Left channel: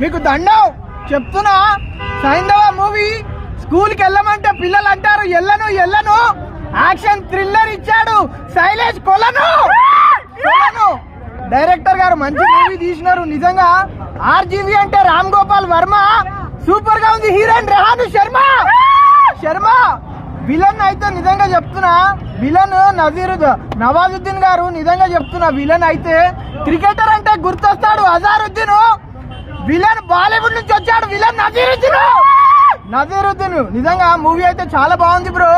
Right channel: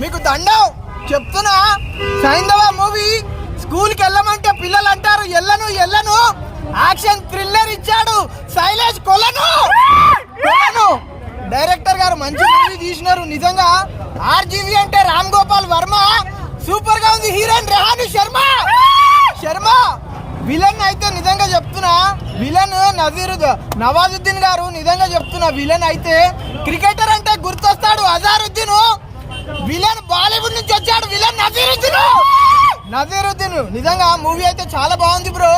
మీకు దండం చెప్తున్నా. సైంధవ మూవీ స్కూల్కి వెళ్ళమంటే పిల్లలు అంటారు ఎల్లను ఎల్లను. యాక్షన్ థ్రిల్లర్ ఇచ్చాడు శైలేష్ కొలను. డైరెక్టర్ గారు మంచి మూవీ తీసినారు నిజంగా. ఆర్జీవి అంటే రామ్ గోపాల్ వర్మ, సూపర్ గా ఉంది. హీరోయిన్ రెహాను శర్మ. విలన్ అయితే నిజంగా చెప్తున్నా, విలన్ నవాజుద్దీన్ గారు. నిజంగా చెప్తున్నా, విలన్ అయితే క్రికెటర్ అంటే గుర్తొస్తాడు అజారుద్దీన్. విలన్ బాలీవుడ్ నుంచి వచ్చాడు, విలన్ నజీరుద్దీన్. నిజంగా మూవీ అయితే చాలా బాగుంది బ్రో.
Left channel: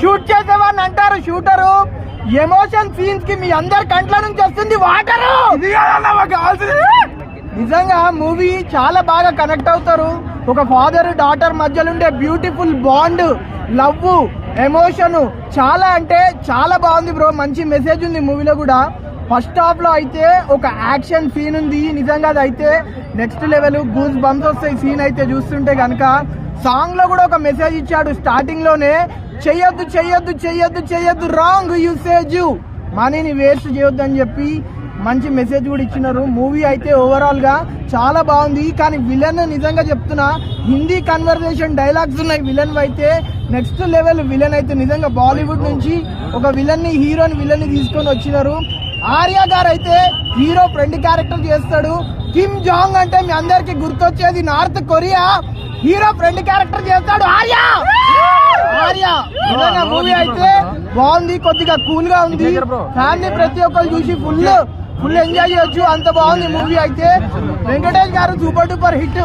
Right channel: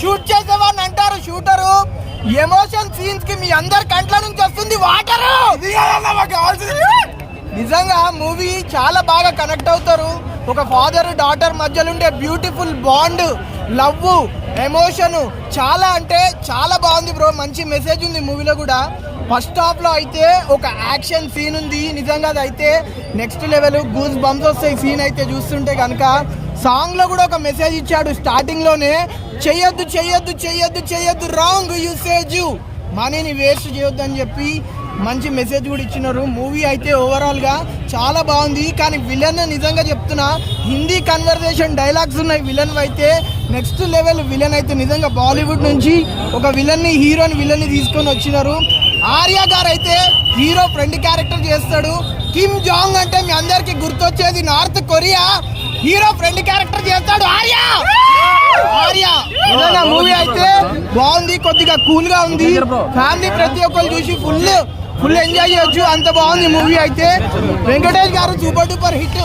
షూట్ చేసేవాడిని అంటారు షూటరు. ఎమోషన్ సీన్స్ కి మీ అందరి కంట్ల నుంచి వస్తుంది వాటరు. నిజంగా మూవీ చాలా బాగా కనెక్ట్ అవుతారు. ఒక ఫాదర్ డాటర్ మధ్యలో ఉండే బ్యూటిఫుల్ బాండ్, లవ్, ఎమోషన్ చాలా అంటే చాలా బాగుంది బ్రో. మంచి మెసేజ్ ఉంది మూవీలో కూడా. ఫస్ట్ హాఫ్ లో అయితే ఒక యాక్షన్ సీన్ ఉంది నిజంగా, అది అయితే నెక్స్ట్ లెవెల్. గూస్ బంప్స్ వస్తాయి సీన్ అయితే చూస్తుంటే కనుక. సాంగ్ లో కూడా ఒక మెసేజ్ ఇచ్చాడు స్టార్టింగ్ లోనే, చెయ్యొద్దు చెయ్యొద్దు చెయ్యొద్దు చెయ్యొద్దు, రాంగ్ యూసేజ్, మనీని వేస్ట్ చేయొద్దు అని చెప్పి మంచి మెసేజ్ కూడా ఇచ్చినారు. మూవీ అయితే ఓవరాల్ గా చాలా బాగుంది. కానీ విలన్ నిజంగా చెప్తున్నా, హిందీ కన్వర్జేషన్ డైలాగ్స్ ఉన్నాయి విలన్ అయితే నెక్స్ట్ లెవెల్. విలన్ అయితే నిజంగా బాలీవుడ్ నుంచి ఒక విలన్ ని విలన్ ని తీసుకొని వచ్చినారు. ఆర్య గారు అయితే హీరో ఫ్రెండ్ క్యారెక్టర్ చేస్తాడు. కిమ్ జాంగ్ అంటే మీ అందరికి గుర్తొచ్చేది north Korea. Hero friend character చేస్తాడు ఆర్య. మూవీ అయితే బాగుంది, కొద్దిగా కూల్ గా ఉంది. ఫ్యామిలీ ప్రతి ఒక్కరు చూసి ఫుల్ ఎంజాయ్ చేయొచ్చు, అంత బాగుంది మూవీ అయితే. వెంకటేష్ గారు సూపర్ డూపర్ హిట్.